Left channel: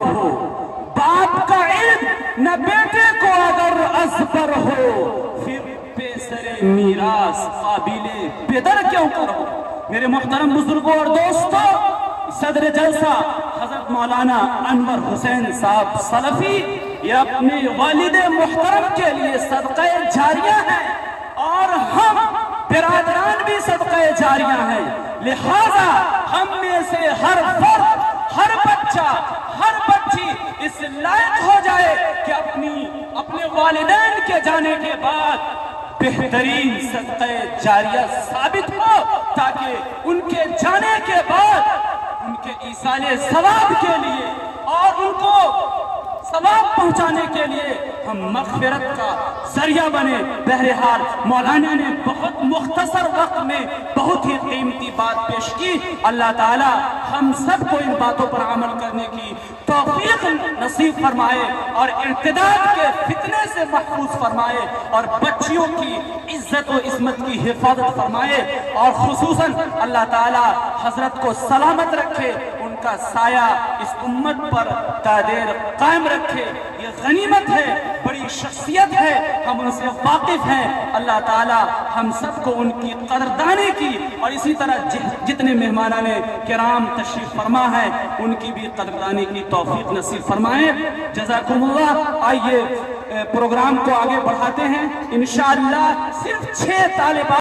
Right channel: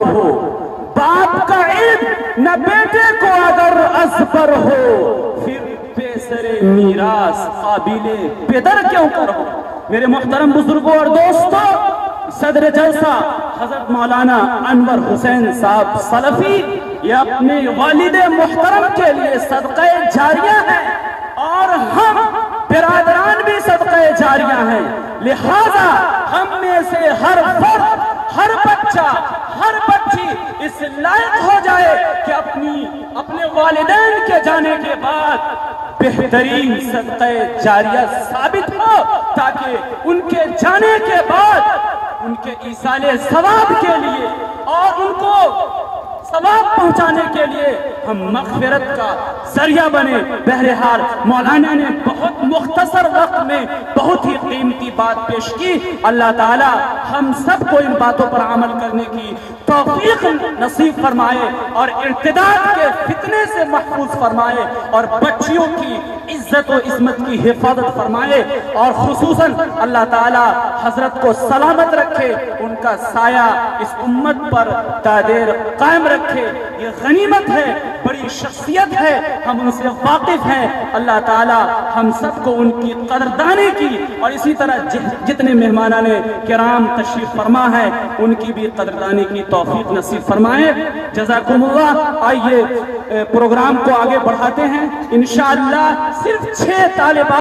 ہو، باپ کا عیب نہ بیٹے کو اگر ازبر ہو، پھر پیسر میراث قابل پدر کیوں کرو۔ میرے محترم بزرگوں اور دوستوں، صدر جلسہ حضرت مولانا انور حسین صاحب سلفی یہ اپنے والد محترم کے لیے صدقہ جاریہ ہے، اور ہم برادران بھی صدقہ جاریہ ہیں۔ لہذا ہم میں سے ہر فرد، ہر بچہ، ہر بچی اس لائق ہو جائے کہ اپنے والدین کے جانے کے بعد بہترین صدقہ جاریہ ثابت ہو، تاکہ ان کے جانے کے بعد ان کے ایصال ثواب کے لیے اور ان کو ثواب پہنچانے کے لیے ہم مغفرت کا ذریعہ بنے۔ بہرحال مولانا نے بہت مختصر وقت میں بہت ہی قیمتی بات پیش کی۔ اللہ تعالی ہم سب کو ان باتوں پر عمل کرنے کی توفیق نصیب فرمائے، اور ارتداد کے فتنے سے محفوظ فرمائے، اور بچیوں کی عزت و عصمت کی حفاظت فرمائے، اور خصوصاً اللہ تعالی حضرت کو سلامت رکھے، ان کا سایہ اس امت پر دائر قائم رکھے۔ یہ غنیمت ہے، بڑی شخصیت ہے، ہم ان سے واقف ہیں۔ اللہ تعالی ہم سب کو ان کی قدردانی کی، اور اسی طرح جتنے مہمانان کرام تشریف فرما ہے ان کی بھی قدردانی کی توفیق نصیب فرمائے۔ جزاکم اللہ۔ آئیے پروگرام کو آگے بڑھاتے ہیں۔ انشاءاللہ صرف 6 طالبات